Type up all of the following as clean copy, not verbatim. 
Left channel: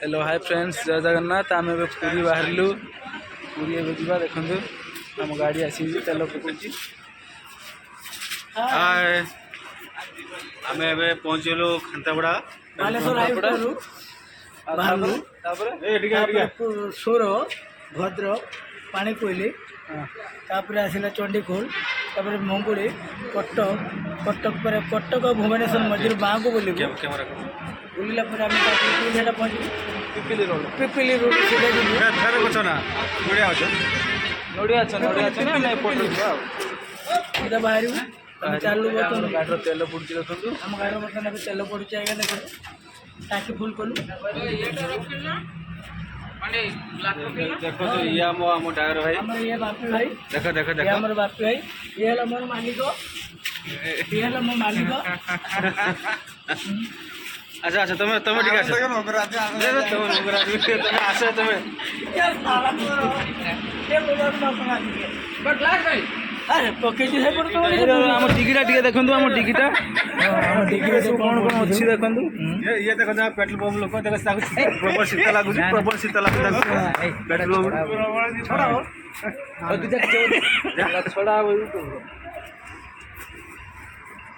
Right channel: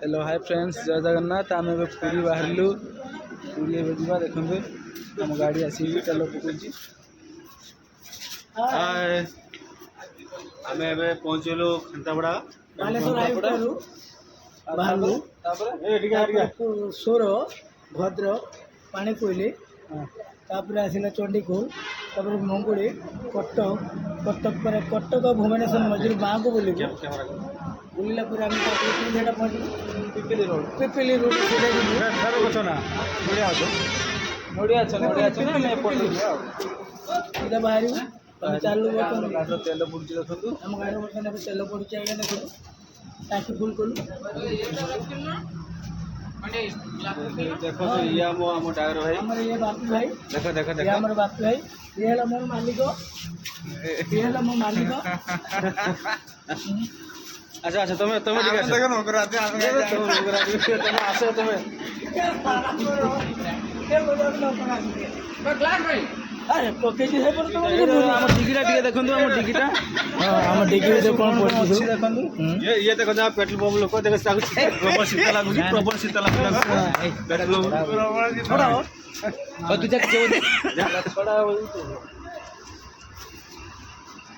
Hello hi friends, जय जगन्नाथ। आम ए पूरी बाहरलु। पूरी जा देखु आम गाड़ी आसी तेल पकड़। हाय आम ए पहुँचलु खांतापड़ा सोर भद्रक पाणीकोइली तापर आसला चंडीखोल तापर मंगुड़ी कटक पर कटक और भुवनेश्वर मझे बाँ को बोल बुलला आम पहुँच पिपिली रोड सीधा बाहर चालू तेल पड़ुची देखो। आम गाड़ी बर्तमान तेल पड़ुची आगे देख टाकी फुल कलु देखो तो ये आम ड्राइवर भाई ये बापी भाई देख देख देख ये बापी भाई ये है मोर मालिक ये है मो मालिक। अच्छा अच्छा तुम्हें तुम्हें ठीक है तुम्हें आसे तुम्हें अरे पके है पर तुम आम डिगीटा टिके देखु। आम डिगीटा हम डिग्री कौन अच्छी देखु। ये देखो पेट्रोल पंप लोक देखो प्रबल शीत लगुच प्रबल शीत लगुच पेट्रोल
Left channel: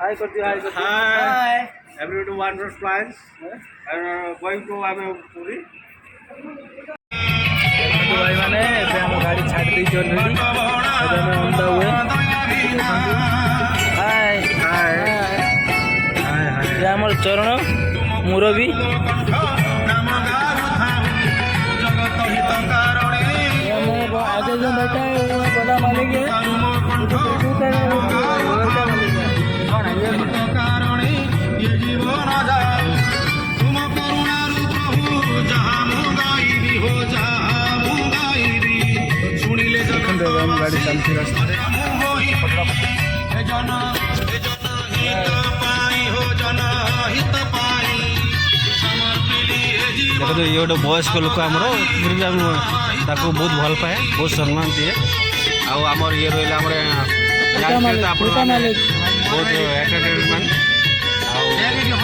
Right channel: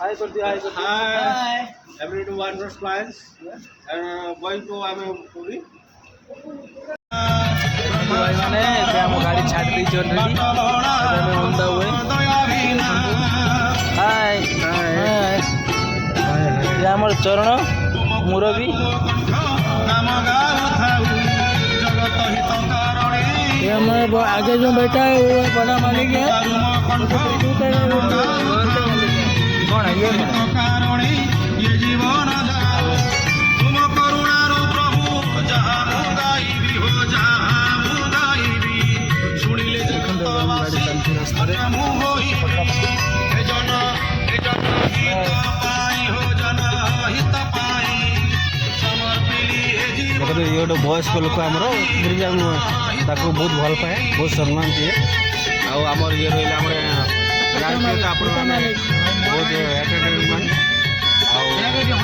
हाय कर दिया हाय कर दिया। Hi every two one plans going to आम पूरी भाई मैंने आम गाड़ी छाड़ दी already. On the way. Hi hi ये आम चरण मुरबी आगे जो बैठा है वो बड़ा मालिक है गाड़ी चलती रास्ता देखो तो ये गोटे वयस्क लोक आमर बहुत भल पाए बहुत सम्मान दिए आमर ये रहा जानते तो आप बहुत एंटरटेनमेंट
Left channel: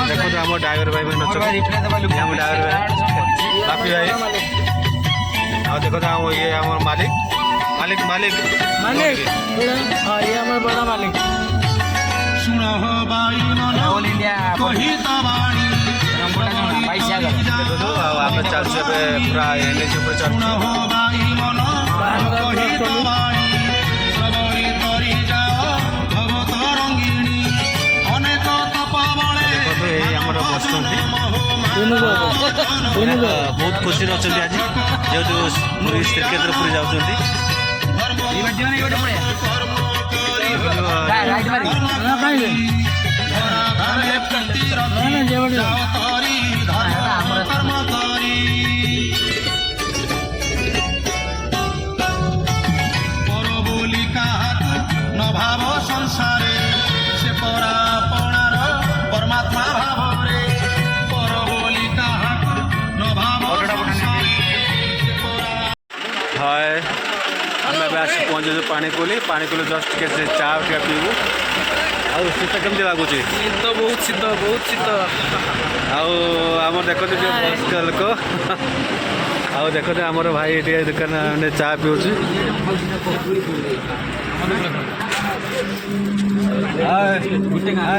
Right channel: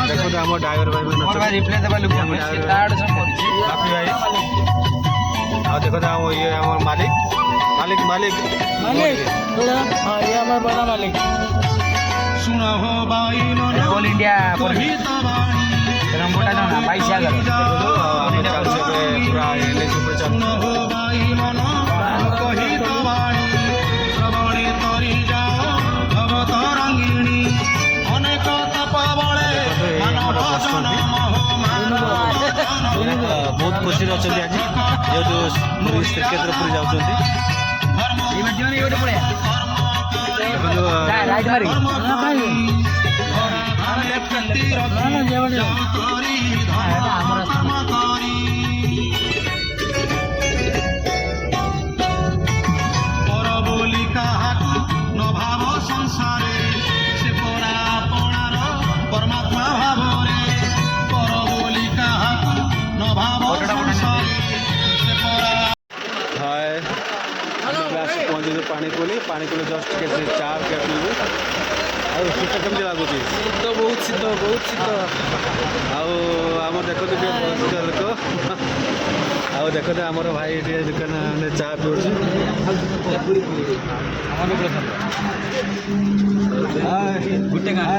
देखो तो आम ड्राइवर भाई मैंने आम ड्राइवर भाई बापी भाई देखो तो ये आम मालिक मालिक मालिक मालिक हाँ ये हमारे बड़ा मालिक ऑल इंडिया आम चलु पूरा एनएच आमर बसुँच बहुत खुशी अच्छा आज जेहतु पूरी श्रीक्षेत्र पूरी जाऊँच हाय आम पहुँचे पाणीकोइली जस्ट टे चा टे पीबू आ शीत केमती लगुच शीत बहुत शीत आम देखो वयस्क लोक आउ देखो आमर भाई ये दुकान चा पीऊ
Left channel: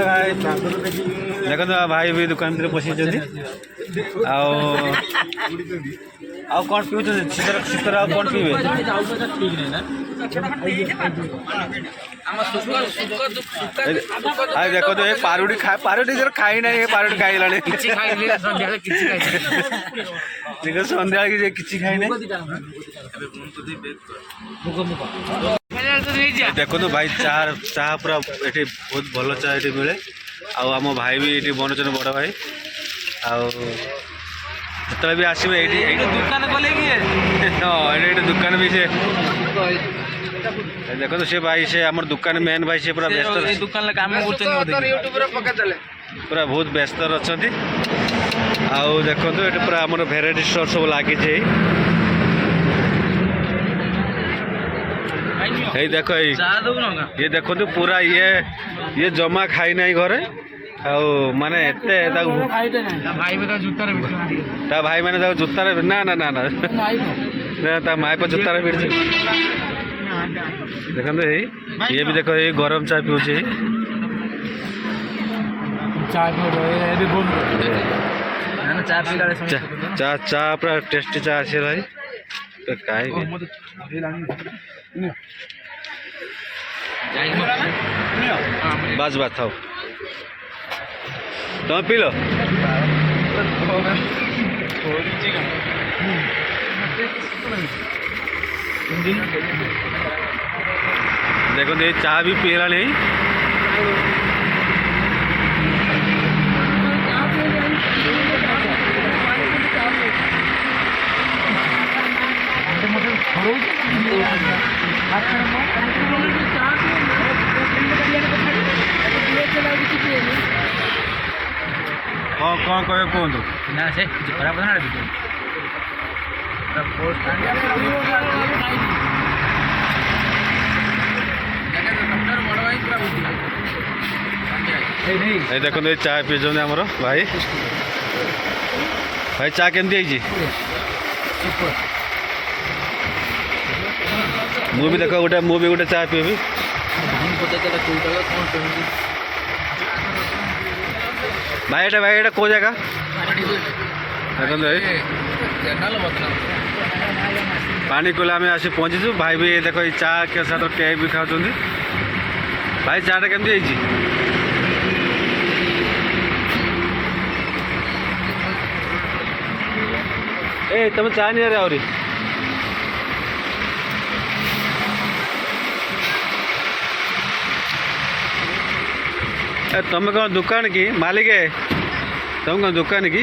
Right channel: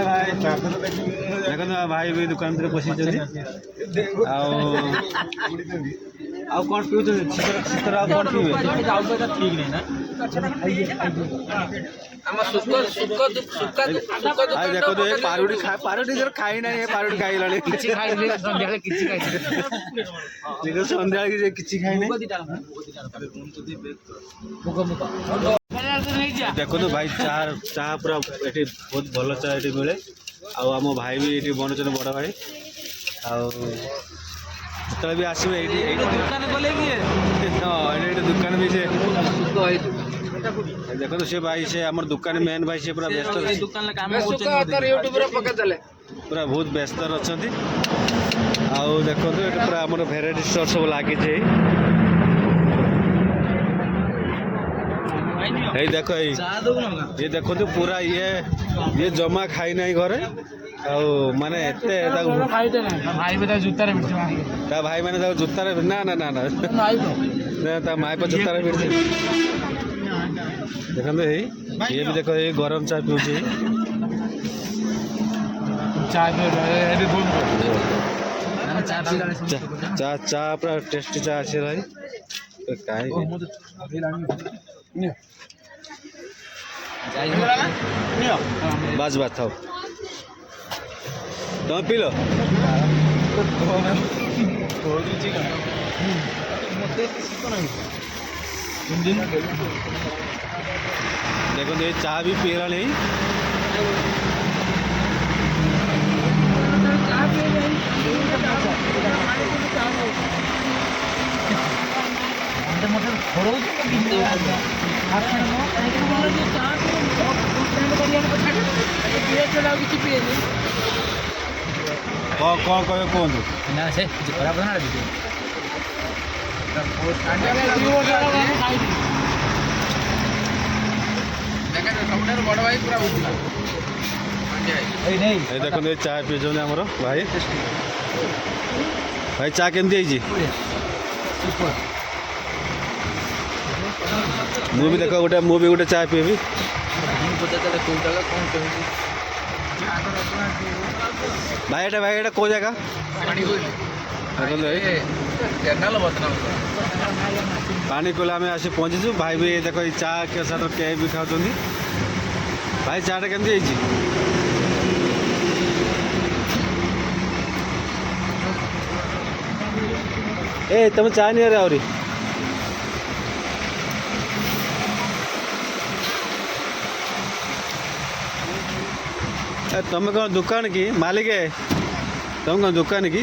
भाई देखो भाई भी दुकान भीतर पशि आउ कौन पीऊ शीतर शीतर आउ कौन पीबे देखो तो ये पारुटी पारुटी जर खाई ना ये पारुटी खाई लाने देखो संध्या कि खाई ना देखो तो भाई चाह पूरा ये बहुत भल चाह ये मिले आम भाई भी ये बनोचन बड़ भाई जो भी आसवे दुकान खोले हाँ ये दुकान भी से देखो तो से भाई से आम दुकान मेन भाई से पूरा व्यस्त दुकान काम पूरा बहुत व्यस्त अच्छा आउ देखो तो ये पूरा आम भेराइटी स्टोर सब लगी देखो ये देखो तो पूरा ये जमा खाई ना घरे ଆଉ ମାନେ ଏତେ ତାକୁ ଭାଇଟେ ନାହିଁ ଭାଇ ବି ତା ଜୁତାରେ ତା ଭାଇ ମାନେ ତାକୁ ଜୋତାରେ ନା ନା ନା ନା ନା ତା ମାଇପ ଜୋତାରେ ଭିଡ଼ିଛି। ଦେଖନ୍ତୁ ଏଇ ଇଏ ବି ଦେଖ ଏଇ ଗରମ ଚା ପିଉଛି ଚା ଚା ପୁରା ଟେଷ୍ଟି ଚା ଅଛି ଭାଇ କାହିଁକି ବାସ୍ ବାସ୍ ଥାଉ ତମେ ପିଇଲ ଦେଖନ୍ତୁ ଏଇ ଚା ବି ପିଇଲାଣି କ'ଣ କହିବେ କୁହନ୍ତୁ। ନା ସେ ଖରାପ ନା ଏଇ ଦେଖନ୍ତୁ ଏଇ ଚା ପିଉଛନ୍ତି ଆମର ଭାଇ ଭାଇ ଚା କେମିତି ହେଇଛି ମୁଁ ବି ଦେଖ ମୁଁ ବି ଗୋଟେ ଚା ପିଇବି ଭାଇ ଏଇଟା କେଉଁ ଜାଗା ଦେଖନ୍ତୁ ଭାଇ ପାଣି କୋଇଲା ଆମେ ଆସି ପହଞ୍ଚିଛୁ ଭାଇ ବି ଦେଖ ଏଇ ଚା ସାଥିରେ କେକ୍ ବି ଖାଉଛନ୍ତି ଭାଇ ଚାଟା କେମିତି ହେଇଛି ଏ ତମେ ଚା ନିଆରେ ଆହୁରି ତମେ କ'ଣ ଦୋକାନ କି ମାଲିକ ତମେ କ'ଣ ଦୋକାନ କି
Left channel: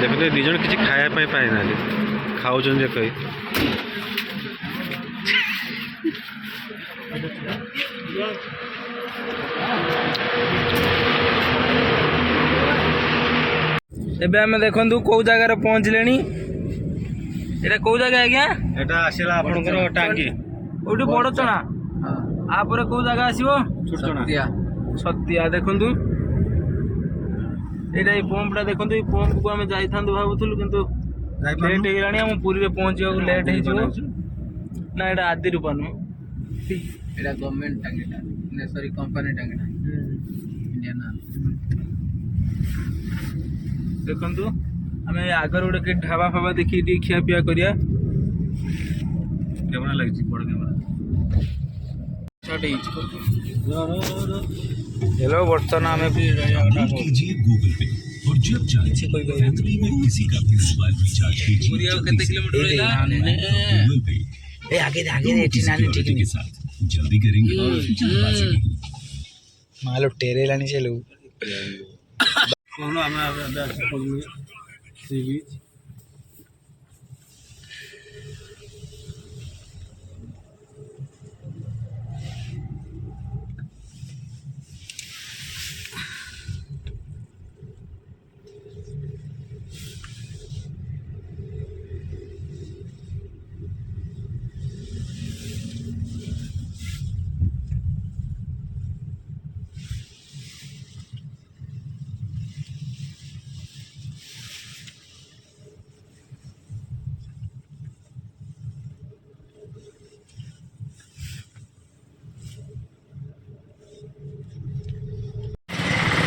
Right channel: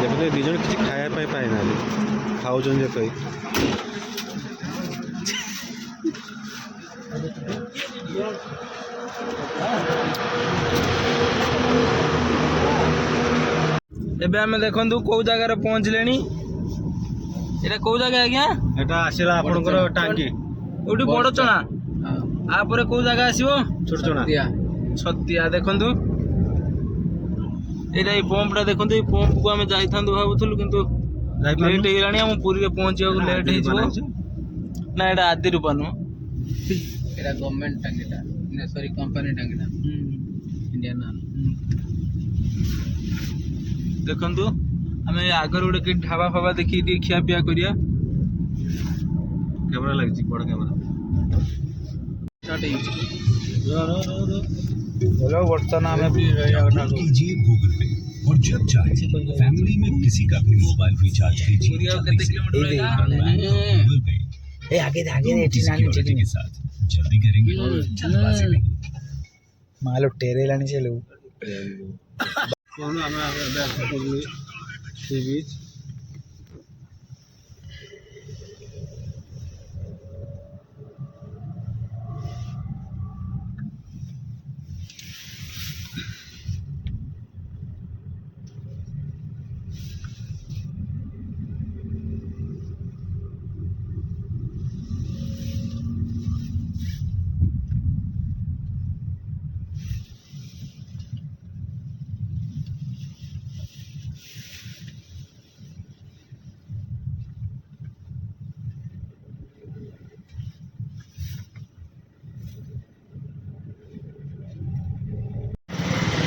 ଦେଖନ୍ତୁ ଦୁଇ ଜଣ କିଛି ଖାଇବା ପାଇଁ ପାଇନାହାନ୍ତି ଖାଉଛନ୍ତି ଯେ କହି ଏବେ ଆମେ ଦେଖନ୍ତୁ କୋଉ ଜାଗାରେ ପହଞ୍ଚିଲେଣି ଏଟା କୋଉ ଜାଗା ଆଜ୍ଞା ଏଟା ଆସିଲା ଆପଣଙ୍କର ଟାଙ୍ଗି କୋଉଠି ବଡ଼ ଚଣା ଆପରେ କୋଉ ଜାଗା ଆସିବ ଛୋଟ ଚଣା ଛତିଆ ଦେଖନ୍ତୁ ଏଇଟା ଏଇ ପମ୍ପଟା ଦେଖନ୍ତୁ ଏଇ ପମ୍ପକୁ ଆମେ ଯାଇଥାନ୍ତୁ ଭାବୁଥିଲୁ କିନ୍ତୁ ଲେଟ୍ ହେଇଗଲାଣି ଆମ ପୁରୀରେ ପହଞ୍ଚିବାକୁ ଲେଟ୍ ହେଇଯିବ ନା ଏଇଟା ଆଦି ରୂପା ନୁହଁ ଏଇଟା ଗଭର୍ଣ୍ଣମେଣ୍ଟ ଟାଙ୍ଗିଟା ସରି କମ୍ପାନୀ ଟାଙ୍ଗିଟା ଇଣ୍ଡିଆନ ଦେଖନ୍ତୁ ଆମେ ଆଗରେ ଗୋଟେ କି ଢାବା ଫାବା ଦେଖିକି ଟିକେ ଖିଆ ପିଆ କରିବା କ୍ୟାମେରା ଲାଗିଛି ବଡ଼ କ୍ୟାମେରା हेलो बर्तमान हमें कीजिए गूगल पे और जब चाहे फैमिली में किसी का भी मोबाइल रिचार्ज कीजिए गूगल पे आगे सिक्योरिटी के साथ जल्दी करेंगे जल्दबाजी नहीं मालो टेरे लानी चलो कौन हमें सी बीच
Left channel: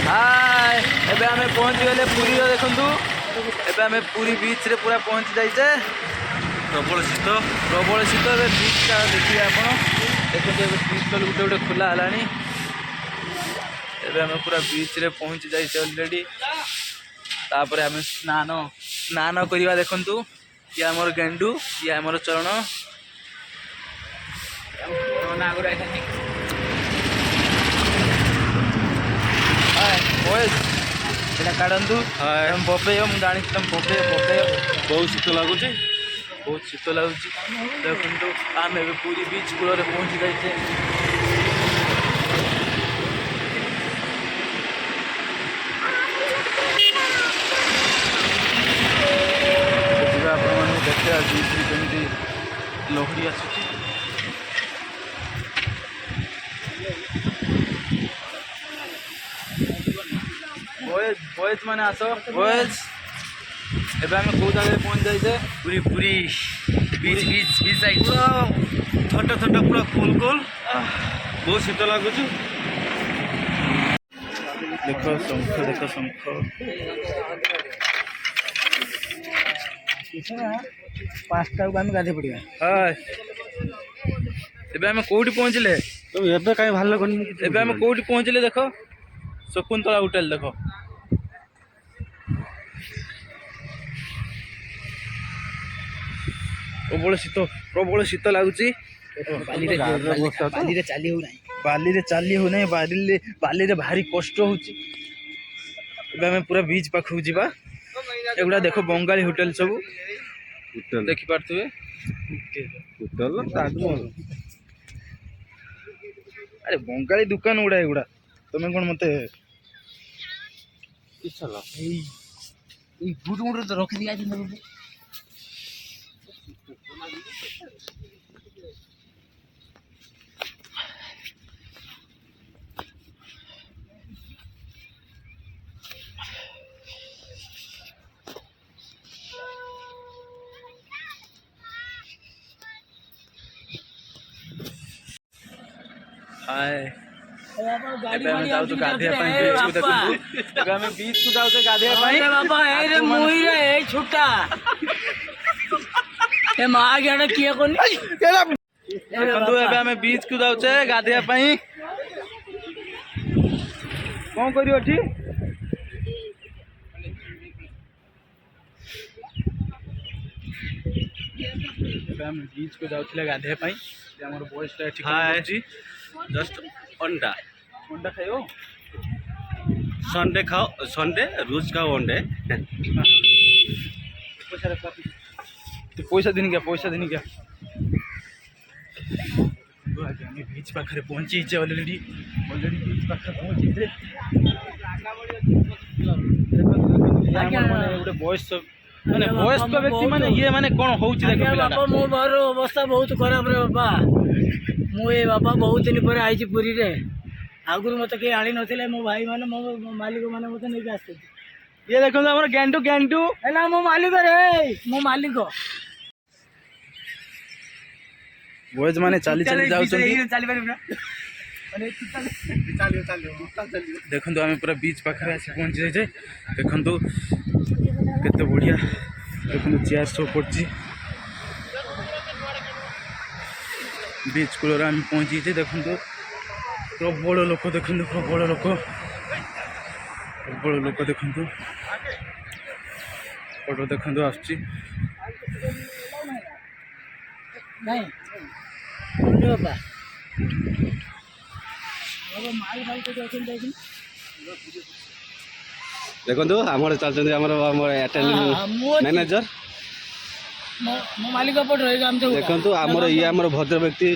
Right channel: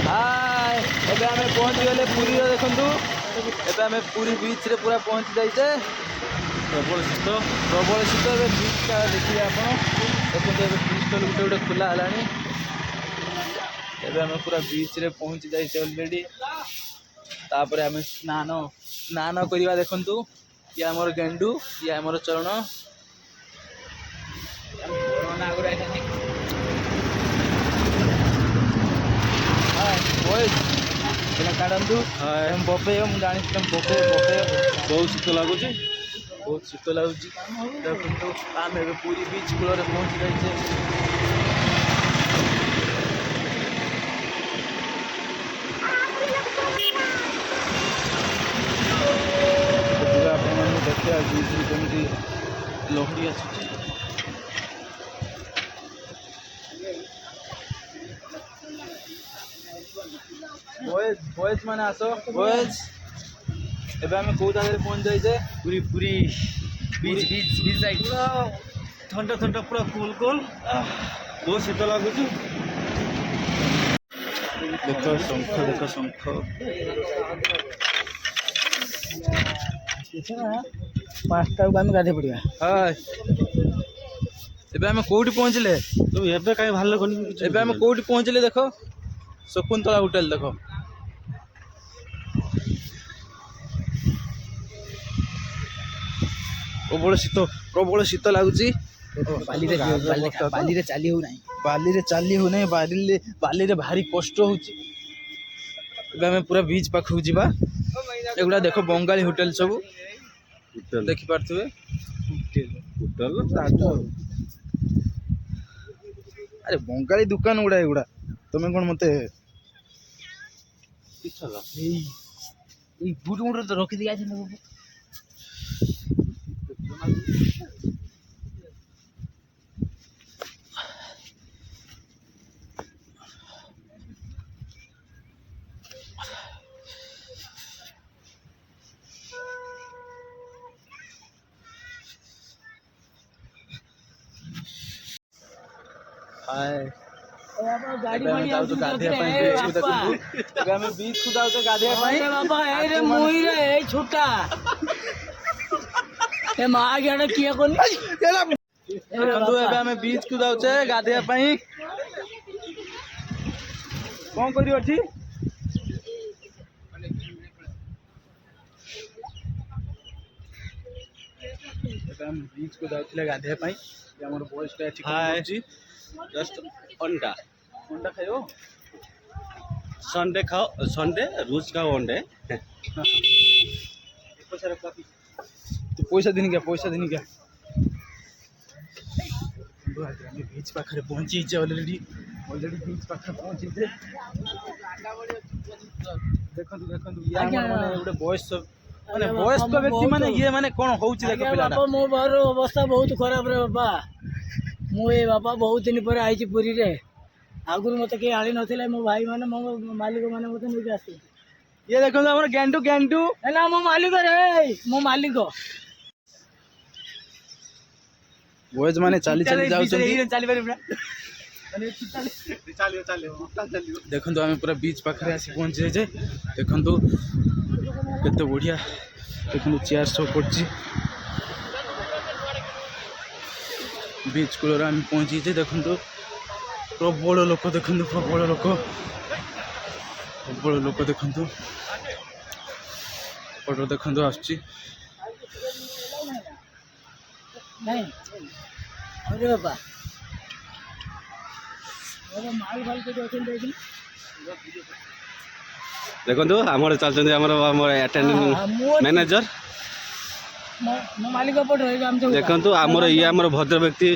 हाय एबे आमे पहुंची गले पुरी रो देखंतु एबे आमे पुरी बीच रे पूरा पहुंची जाइछे प्रबल शीत एबे बीच का देखिए आपण देखंतु एबे बीच तो गुटे खुला हलानी एबे आमे पूरा बीच रे पहुंची जाइछे ऑलरेडी तापर आमे स्नान करिवा देखंतु ये हमर गेंडू ये हमर चरण हम कोरोना आगुरा आइथानी ଏଇଟା କାଢ଼ନ୍ତୁ ତମେ ବପେଇବ ମୁଁ ଜାଣିଛି ତମେ ବପେଇବ ବହୁତ ଶୀତ ଲାଗୁଛି ଦେଖନ୍ତୁ ଆମେ ଏବେ ପୁରୀ ବିଚ୍ କୂଳରେ ପହଞ୍ଚି ଯାଇଛେ ଦେଖିବା ବିଚ୍ରେ କେମିତି ଲହଡ଼ି ଆସୁଛି। ବଏଜ୍ ମାନେ ଆସ ବଏଜ୍। ଏବେ ଆମେ କେଉଁ ଜାଗାରେ ପହଞ୍ଚି ଯାଇଛେ? Puri Puri beach beach beach side ପୁରା ଥଣ୍ଡା ଥଣ୍ଡା ପୁରା କୁଲ୍ କୁଲ୍ ବହୁତ ଶୀତ ଲାଗୁଛି। ଦେଖ ଶଙ୍ଖ ଦେଖ ଶଙ୍ଖ। ପାଞ୍ଚଟାକୁ ଆମେ ଗାଧୋଇ ପଡ଼ିବା। ହାଏ ଏବେ ଆମେ କେଉଁଠି ପହଞ୍ଚିଲେ? ଏବେ କାହିଁ ଭଲ ଲାଗୁନି କିଛି। ଏବେ ଆମେ କେଉଁଠି ପହଞ୍ଚିଲେ ଦେଖ? ଶକୁନ୍ତଳା ହୋଟେଲ ଦେଖ। ପ୍ରବଳ ଶୀତ ଲାଗୁଛି। ବାଲିରେ ଚାଲି ହେଉନାହିଁ। ବାଲିରେ ଭାରି କଷ୍ଟ ହଉଛି। ଏବେ ଆମେ ପୁରା ବିଚ୍ ପାଖକୁ ଯିବା। ଏଗୁଡ଼ା ଦେଖ ବଙ୍ଗାଳୀ ହୋଟେଲ ସବୁ ଦେଖିପାରୁଥିବେ। ଆରେ ବଙ୍ଗାଳୀ ଦୋକାନ ଗୁଡ଼ା ଏଗୁଡ଼ା। ତମେ କ'ଣ ମତେ ଏଇ ବୁଟ ମୁଣ୍ଡରେ ତ ରଖିଦେଇ ଆଜି ହାଏ ଏବେ ଆମେ ଯାଉଛୁ ଗାଧୋଇବା ପାଇଁ ବିଚ୍କୁ ଦେଖନ୍ତୁ। ଏବେ ଆମେ ବିଚ୍କୁ ଯାଉଛୁ ଗାଧୋଇବା ପାଇଁ। ବାପା ଏଇରେ ମୁଇଁରେ ଏଇ ଛୁଟା ଏ ମା ଗିଆଡେ କିଏ କନି ଦେଖନ୍ତୁ ଏବେ ଆମେ ବିଚ୍କୁ ଯାଉଛେ ଗାଧୋଇବା ପାଇଁ। କ'ଣ କରିବ ଏଠି? ଏବେ ଆମେ ବିଚ୍କୁ ଯାଉଥିଲେ ଗାଧୋଇବା ପାଇଁ। ଆମର ବୟସଟା ଏଠି ହାଏ ଜଷ୍ଟ ଅଣ୍ଡା ଖାଇବ। ସଣ୍ଡେ ଖାओ ସଣ୍ଡେ रोज खाओ अंडे। ପଇସା ଦିନି କିଆ ଆମେ ବିଚ୍ ପାଖରେ ପହଞ୍ଚିଛେ ଅଲରେଡ଼ି ବିଚ୍ ପାଖରେ ପହଞ୍ଚିଛେ। ଗୋଟେ ବୟସ୍କ ବ୍ୟକ୍ତି ମାନେ ଇଏ ମାନେ କ'ଣ ହଉଛି ବାପା ମୋ ଘର ଅବସ୍ଥା ବହୁତ ଖରାପ ରେ ବାପା। ମୁଁ ଏ ବାପା ବହୁତ ଦିନ ପରେ ଆଇଛି ପୁରୀରେ। ଆଗରୁ ମୋତେ କେହି ଆଣି ନଥିଲେ। ମୋ ଭାଇ ମାନେ ମୋ ମାଲିକ ମାନେ ମୋତେ ନେଇକି ଆସିଛନ୍ତି। ଇଏ ଦେଖନ୍ତୁ ଆମର ଗେଣ୍ଡୁ ହେଲା ମୋ ମାଲିକ ରେ ମୋ ମାଲିକ। ବଏଜ୍ ମାନେ ଚାଲି ଯାଉଛନ୍ତି। ଦେଖନ୍ତୁ ଆମେ ପୁରା ବିଚ୍ ପାଖରେ ଆସି ପହଞ୍ଚି ଯାଇଛେ। ଦେଖନ୍ତୁ କେତେ ବଢ଼ିଆ। ଦେଖନ୍ତୁ ଚେୟାର ସବୁ ପଡ଼ିଛି। ବିଚ୍ କୂଳରେ ଆମେ ପହଞ୍ଚିଛେ। ଦେଖନ୍ତୁ ପ୍ରବଳ ଲୋକ ଦେଖନ୍ତୁ ପ୍ରବଳ ଲୋକ ଦେଖନ୍ତୁ। ଫଟୋ ଦେଖନ୍ତୁ ଆସୁଛି। ବାପା ମାଲ ଭାଇ କୋଉଠି ଅଛନ୍ତି ଦେଖିଲି। ଦେଖନ୍ତୁ ଆମର ଚାଲିଛନ୍ତି ଆମର ମ୍ୟାନେଜର। ମୋ ମାଲିକ ପଟେ ରହିବ। ଆମେ ଦେଖନ୍ତୁ ଆମର ଇଏ ଆମର ଭଦ୍ର ବ୍ୟକ୍ତି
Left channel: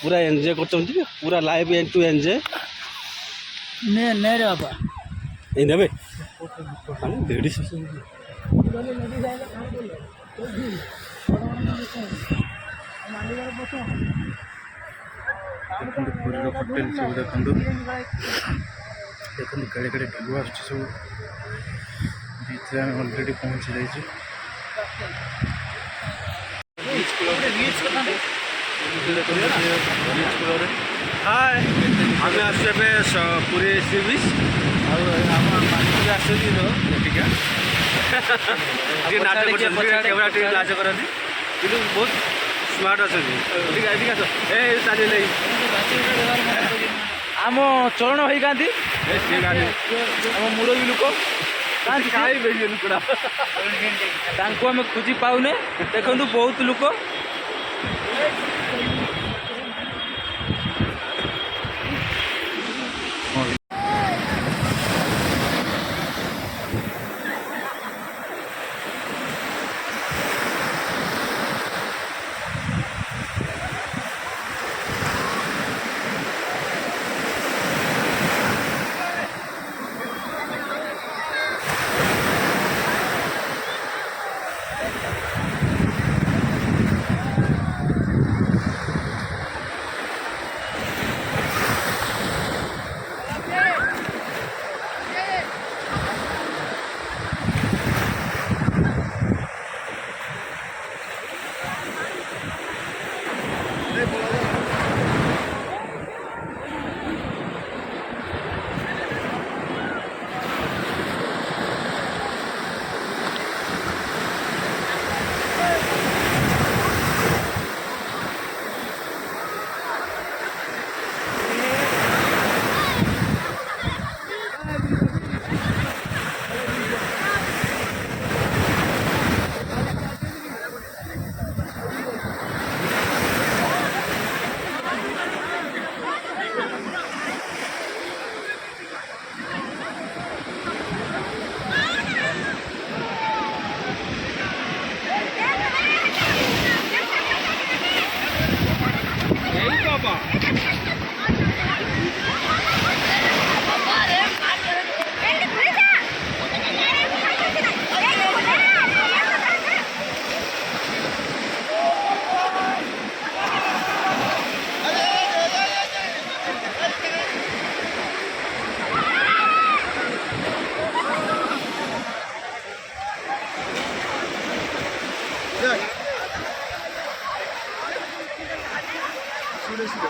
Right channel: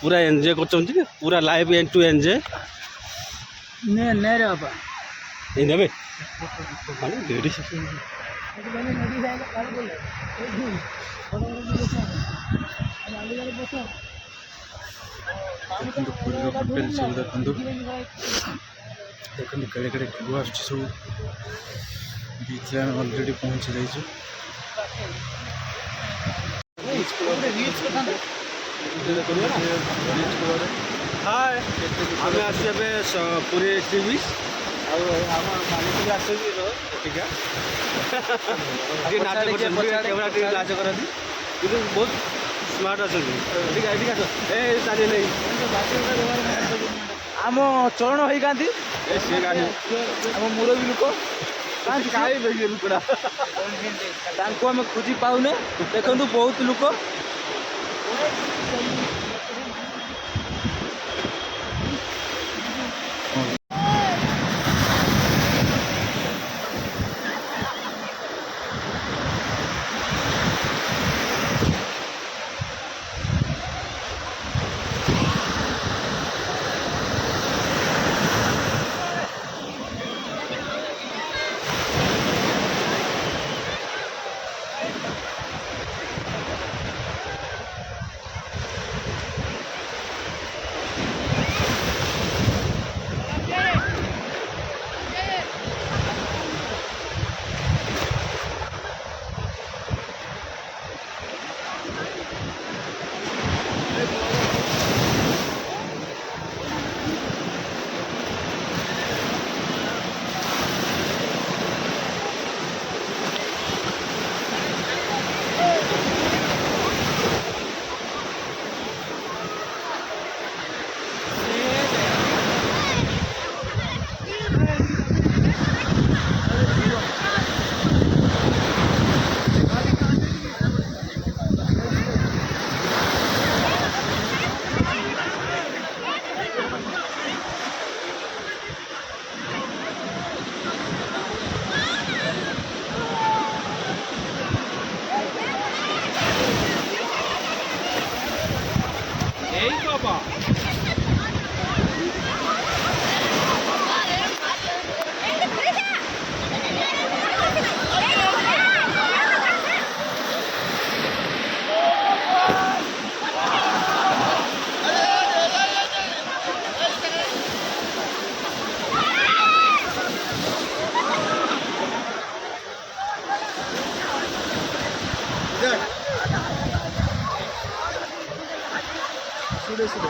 ପୁରା ଏନ୍ଜୟ କରୁଛନ୍ତି। ପୁରା ଲାଇଭ୍ ଏଣ୍ଡ ଟୁ ଏନ୍ଜୟ। ନେ ରେ ବାପା ଏଇ ନେବେ ମାନେ ଲେଡ଼ିସ୍ ଦେଖନ୍ତୁ ପୁରୀର ହୋଟେଲ ସବୁ ଦେଖନ୍ତୁ କେଡ଼େ କେଡ଼େ ଢେଉ ଆସୁଛି ସବୁ। ବିଚ୍ରେ ଆମେ ଅଲରେଡ଼ି ପହଞ୍ଚି ଯାଇଛୁ। ହାଏ ଆମେ ଆସୁଛୁ ଏବେ ପୁରୀ ସି ବିଚ୍। ଆଉ ଆମ ମାଲିକ ବି ଆସୁଛନ୍ତି ତ ଏଠିକା ଟିକେ ନାଚ କରୁଛନ୍ତି କ୍ୟାମେରା ଟିକେ ନାଚ କରନ୍ତି କିନ୍ତୁ ବହୁତ ସ୍ମାର୍ଟ ଅଛନ୍ତି। ଟିକେ ଏଠିକି ଆସ ଏ ଚାଲିଲେ ଆମ ଚରଣ ହେଇଥାନ୍ତି। ଆମ ମୁରବୀ ଲୋକ ତାଙ୍କୁ ଆମେ ଖୋଜି ପାଉନେ। ଦେଖନ୍ତୁ ବହୁତ ଲୋକ। ମରିଯିବ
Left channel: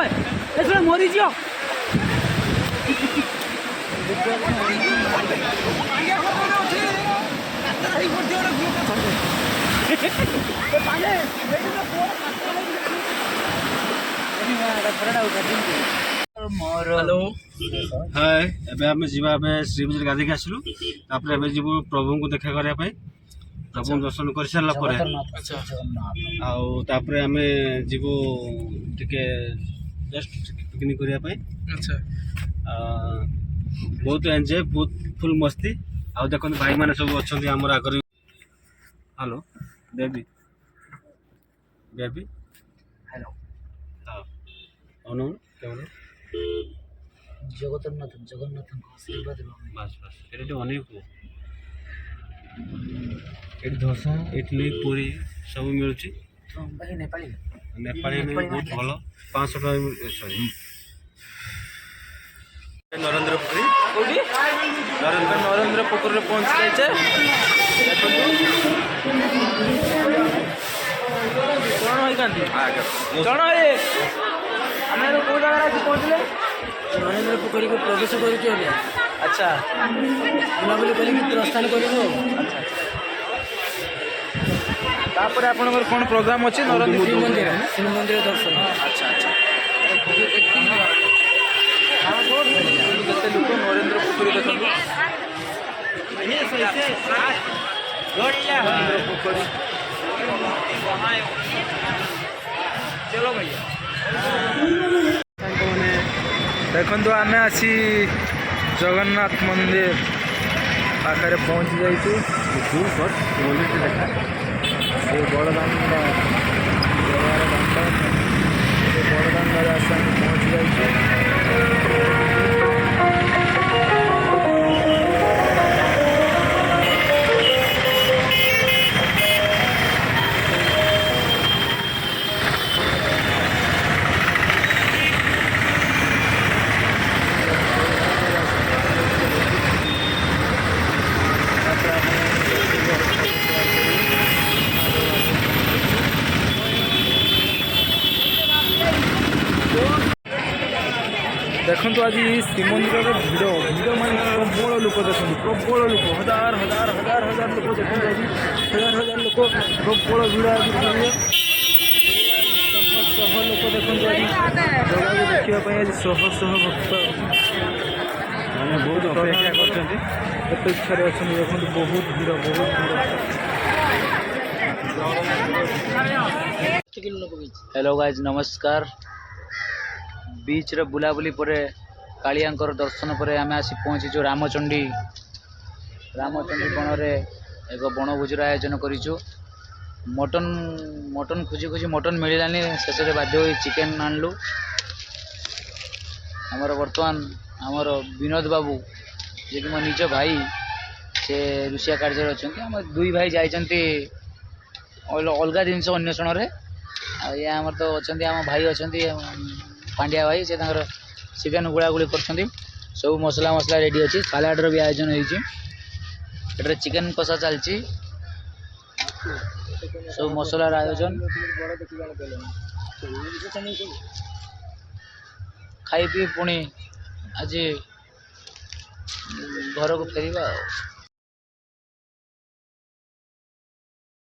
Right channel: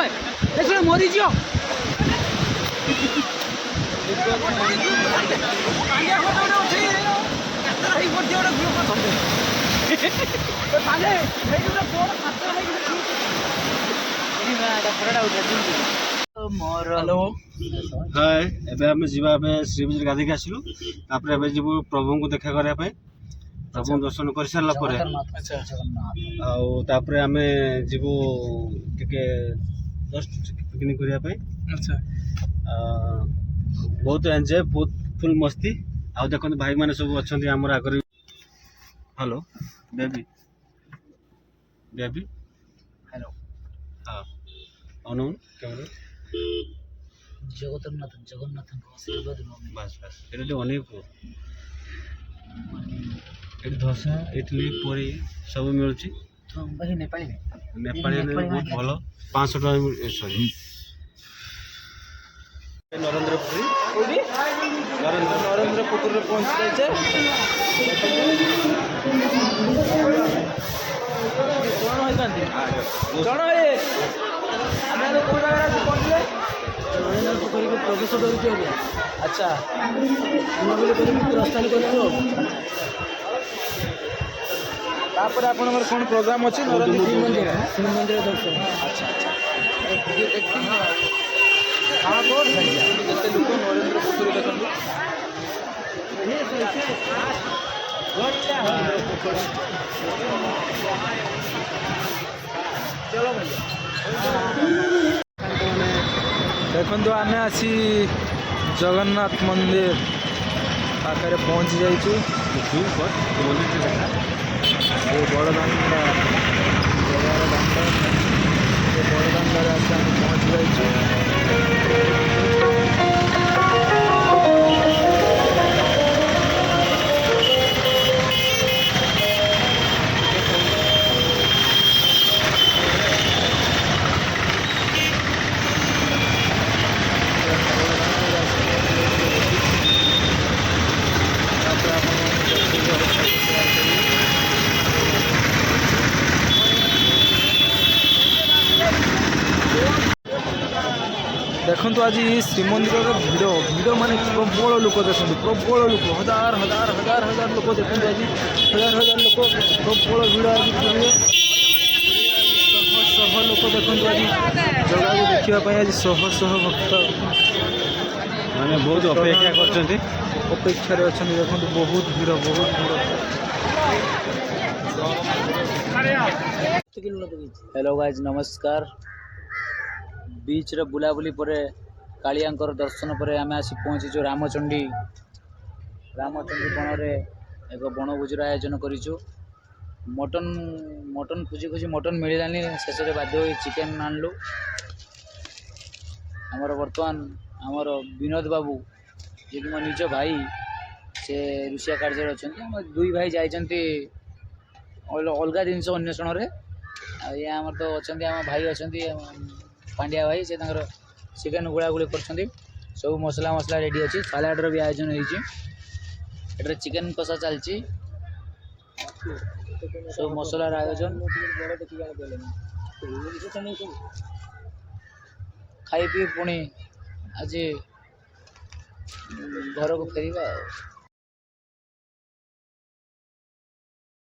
ଭାଇ ଏଥିରେ ମରିଯିବ हेलो हाय एबे आमे जीवा बे श्री मंदिर गाधी के आसलु तापर एबे जीवु प्रभु को देखा करिया पई प्रभु दर्शन कर सारला परे आउ तापर आमे जीवु टिके जस्ट पिकनिक करिया पई अच्छा बहुत एंजॉय बहुत फुल मस्ती आउ देखो भाई माने सब अछंती हमर Agar hello baby baby hello हां अनु कैमरा जगन्नाथ आशीर्वाद बस बस এটা তো অনেক ଏଠି ଦୋସା ଇଡଲି ପୁରୀ ସବୁ ମିଳୁଛି नेपाली ନେପାଳୀ ବହୁତ ଭଲ 500 ଟଙ୍କା ସରି ନରେନ୍ଦ୍ର ପୋଖରୀ କୋଉଠି ନରେନ୍ଦ୍ର ପୋଖରୀରେ ପହଞ୍ଚି ଯାଇଛେ ଦେଖନ୍ତୁ କଣ ହେଇଥାନ୍ତି କଣ ହେ ଆମେ କୋଉ ଜାଗାରେ ଆସି ପହଞ୍ଚିଲେ ନରେନ୍ଦ୍ର ପୋଖରୀକୁ ପ୍ରବେଶ କରୁଛୁ ଏବେ ଆଚ୍ଛା ବୁଲାବୁଲି କରିକି ପ୍ରସ୍ଥାନ କରିବୁ ତାପରେ ଆପଣଙ୍କର କଣ ପ୍ରୋଗ୍ରାମ ଅଛି ନରେନ୍ଦ୍ର ଶ୍ରୀମନ୍ଦିର ଦର୍ଶନ ଆଚ୍ଛା ଆଚ୍ଛା ହଁ ବହୁତ କେତେ ଲୋକ ନରେନ୍ଦ୍ର ପୋଖରୀ ଦେଖନ୍ତୁ ନରେନ୍ଦ୍ର ପୋଖରୀ ଚलो ଭैया ଦେଖନ୍ତୁ ଆମେ ଆସି ଜଗନ୍ନାଥ ମନ୍ଦିର ପାଖରେ ପହଞ୍ଚି ଯାଇଛୁ ସେ ବଡ଼ଦାଣ୍ଡ ଜଗାର ଦାଣ୍ଡ ସେ ବଡ଼ଦାଣ୍ଡରେ ଆସି ଆମେ ପହଞ୍ଚି ଯାଇଛୁ ଦେଖନ୍ତୁ ଆଜି ଶ୍ରୀମନ୍ଦିରରେ ଭିଡ଼ ମାନେ ପ୍ରବଳ ଲୋକ ଦେଖନ୍ତୁ ପ୍ରବଳ ଲୋକ ହଜାର ଲୋକ ଦେଖନ୍ତୁ ଆଜି ହଜାର ଲୋକ ପ୍ରବଳ ଭିଡ଼ ଆଜି ପୁରୀରେ ଶହ ଲୋକ ଦେଖନ୍ତୁ ଆଜି ଜଗାକୁ ଦେଖିବା ପାଇଁ ଆଜି ଶହ ଭକ୍ତ ବହୁତ ଅପେକ୍ଷା କରୁଛନ୍ତି ଅପେକ୍ଷାରେ ଅଛନ୍ତି ଦେଖନ୍ତୁ ବହୁତ ଭିଡ଼ हेलो गाइज नमस्कार बीच रे बुलाबुली पर कालियाकर दर्शन पर आम आसी पहुँचीचु रामचंडी बन रे एक बनभोजर आयोजन करूँ मटन खोजी मटन मिलानी शेष में बाध्य चिकेन आनलु आमर बर्तमान आमर विनोद बाबू जी मो निज भाई से रुषिया कार्य अच्छा आम दुई भाई जाइंट अलग जिनस अन्वेषण या आमर तो अच्छा आम भाई अच्छा पांड्या भाई से चिकेन गुड़ागुड़ी कर सब मसला रेडी अच्छी सालाडर भी आयोजन होती चिकेन कषा चलती सब मसलार आयोजन खाई पी पुणी आज घर को फेरवा।